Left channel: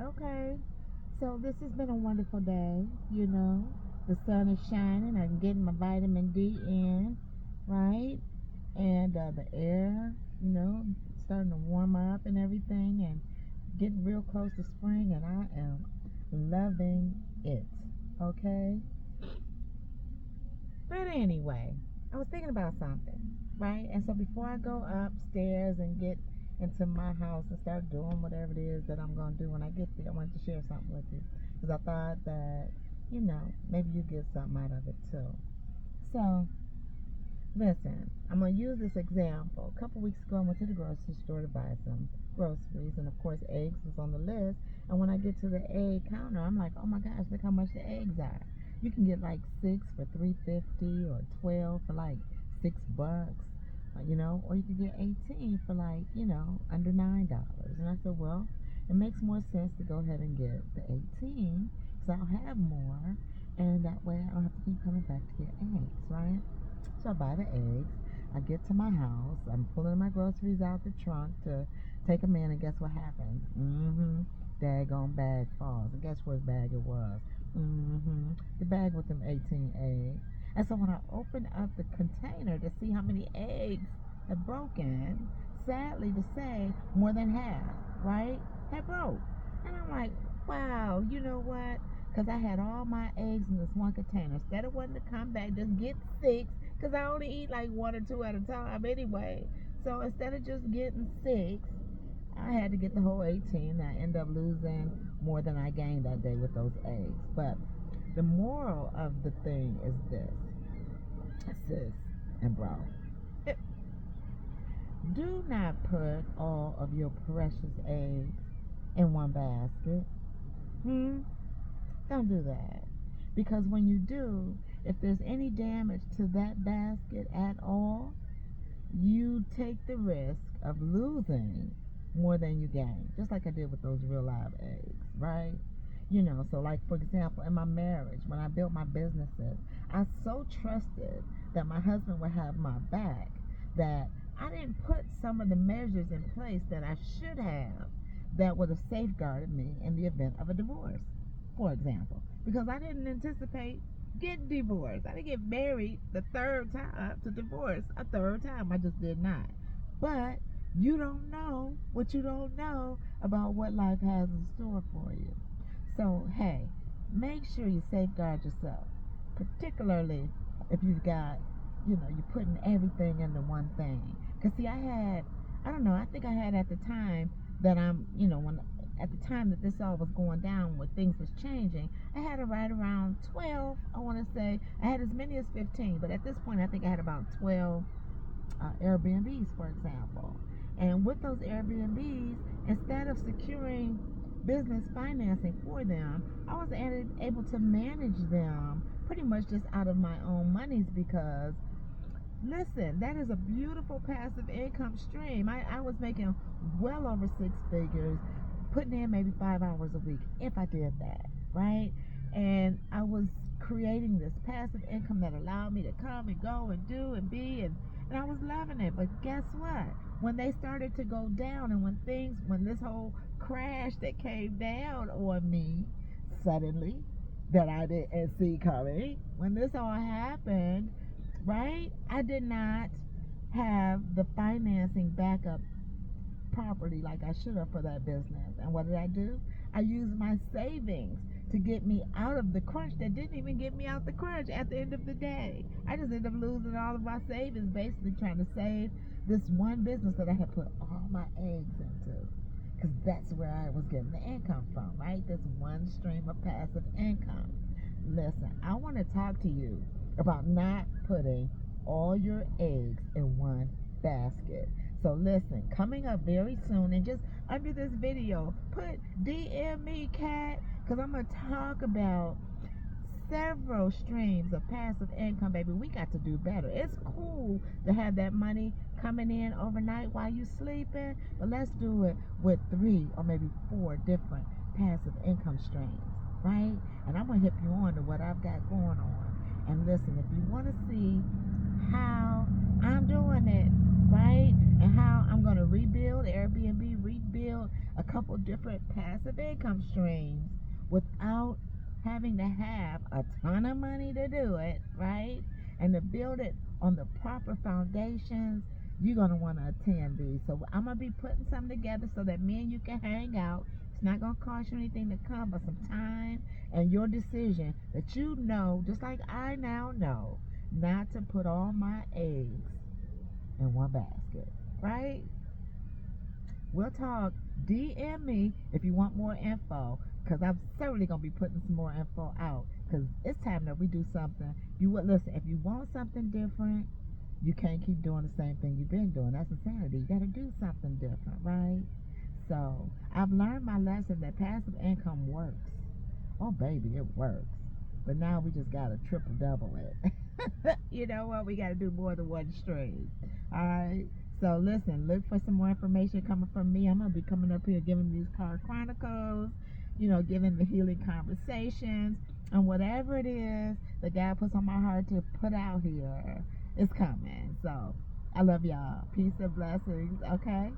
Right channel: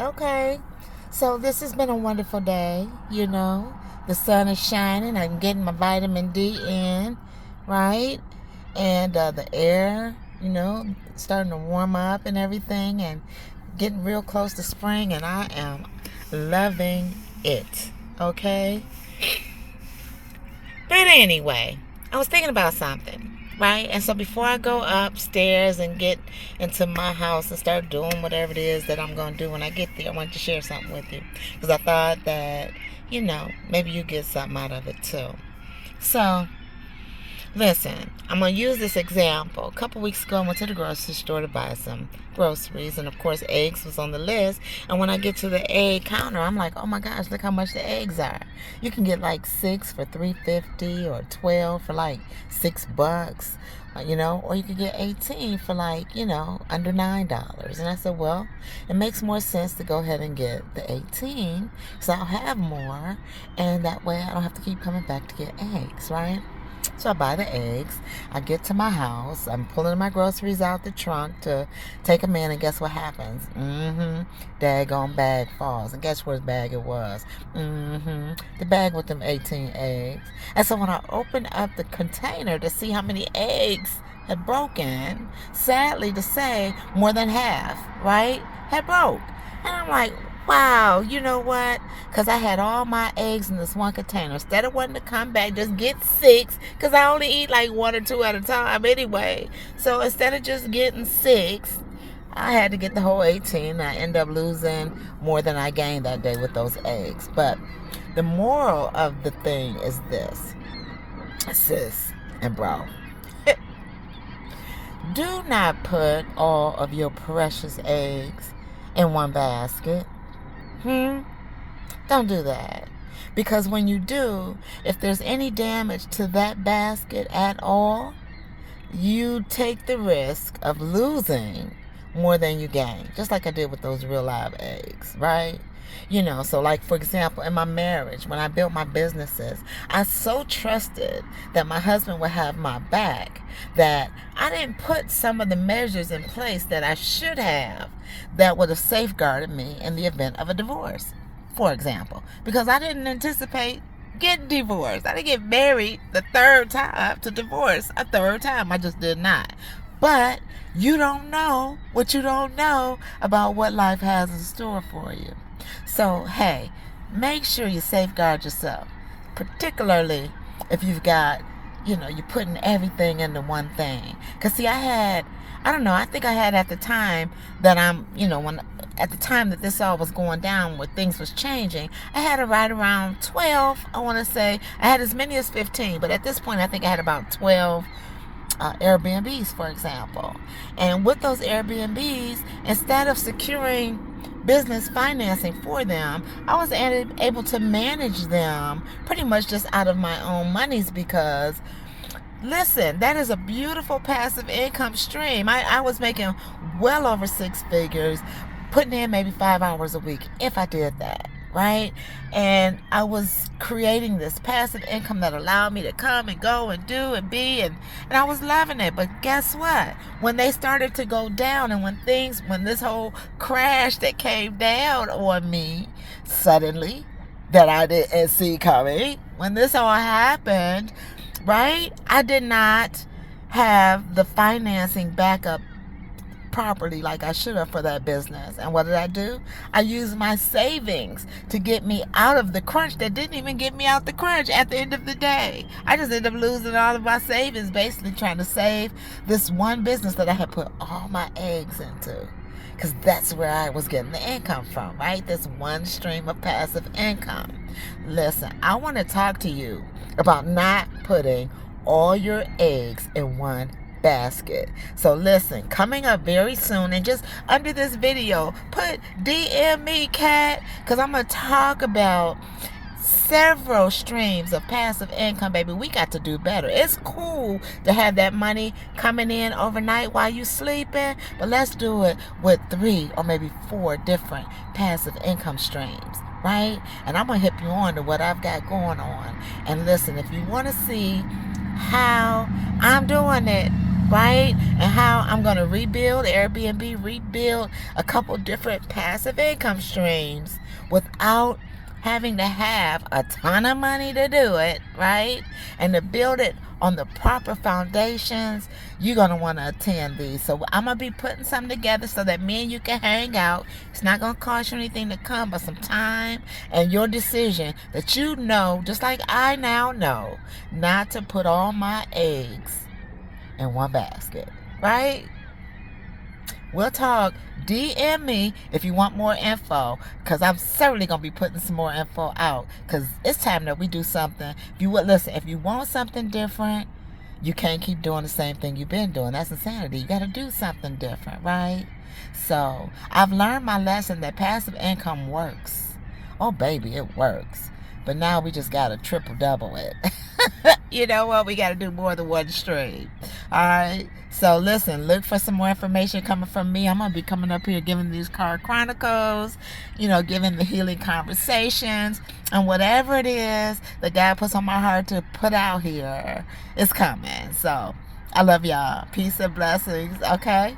Okay. So this has been a wonderful day, you know. The sun is shining. I'm getting my vitamin D in, right? And the air, starting to warm up and everything and getting real close to spring, and I am loving it. Okay? But anyway, I was thinking about something, right? And so before I go upstairs and get into my house and start doing whatever it is that I'm going to do when I get there, I wanted to share something with you because I thought that, maybe you get something out of it too. So, listen, I'm going to use this example. A couple weeks ago, I went to the grocery store to buy some groceries, and of course, eggs was on the list. And when I get to the egg counter, I'm like, oh my gosh, look how much the eggs are. You can get like 6 for $3.50 or 12 for like $6, or you could get 18 for like, under $9. And I said, well, it makes more sense to go ahead and get the 18 so I'll have more, and that way I don't have to keep coming back to get eggs, right? So I buy the eggs. I get to my house. I'm pulling my groceries out the trunk to take them in, and guess what happens? Daggone bag falls. And guess whose bag it was? The bag with them 18 eggs. And so when I opened up the container to see how many eggs had broken, sadly to say, more than half, right, had broke. And I'm like, wow, you know what? Because I had all my eggs in this one container. Instead of wanting to come back, just get 6, because I only eat like 1 or 2 at a time anyway. So instead of just getting 6, I had to get the whole 18. I end up losing more than I gained that day with those eggs. But the moral of the thing is this, sis and bro. Do not put all of your precious eggs in one basket. Don't do that. Because when you do, if there's any damage to that basket at all, you take the risk of losing more than you gain. Just like I did with those real live eggs, right? So like, for example, in my marriage, when I built my businesses, I so trusted that my husband would have my back that I didn't put some of the measures in place that I should have that would have safeguarded me in the event of a divorce, for example, because I didn't anticipate getting divorced. I didn't get married the third time to divorce a third time. I just did not. But you don't know what you don't know about what life has in store for you. So, hey, make sure you safeguard yourself, particularly if you've got, you're putting everything into one thing. Because, see, I think I had at the time that at the time that this all was going down, where things was changing, I had right around 12, I want to say. I had as many as 15, but at this point, I think I had about 12 Airbnbs, for example. And with those Airbnbs, instead of securing business financing for them, I was able to manage them pretty much just out of my own monies, because listen, that is a beautiful passive income stream. I was making well over 6 figures, putting in maybe 5 hours a week if I did that, right? And I was creating this passive income that allowed me to come and go and do and be, and I was loving it. But guess what? When they started to go down, and when this whole crash that came down on me suddenly, that I didn't see coming, when this all happened, right, I did not have the financing backup properly like I should have for that business. And what did I do? I used my savings to get me out of the crunch that didn't even get me out the crunch at the end of the day. I just ended up losing all of my savings, basically trying to save this one business that I had put all my eggs into. Because that's where I was getting the income from, right? This one stream of passive income. Listen, I want to talk to you about not putting all your eggs in one basket. So listen, coming up very soon, and just under this video, put DM me, Cat, because I'm going to talk about several streams of passive income, baby. We got to do better. It's cool to have that money coming in overnight while you sleeping, but let's do it with 3 or maybe 4 different passive income streams, right? And I'm going to hip you on to what I've got going on. And listen, if you want to see how I'm doing it, right? And how I'm going to rebuild Airbnb, rebuild a couple different passive income streams without having to have a ton of money to do it, right? And to build it on the proper foundations, you're going to want to attend these. So I'm going to be putting something together so that me and you can hang out. It's not going to cost you anything to come, but some time and your decision that you know, just like I now know, not to put all my eggs in one basket, right? We'll talk. DM me if you want more info, because I'm certainly going to be putting some more info out, because it's time that we do something. If you would listen, if you want something different, you can't keep doing the same thing you've been doing. That's insanity. You got to do something different, right? So I've learned my lesson that passive income works. Oh, baby, it works. But now we just got to triple double it. You know what? We got to do more than one stream. All right. So listen, look for some more information coming from me. I'm going to be coming up here giving these card chronicles, giving the healing conversations, and whatever it is that God puts on my heart to put out here, it's coming. So I love y'all. Peace and blessings. Okay.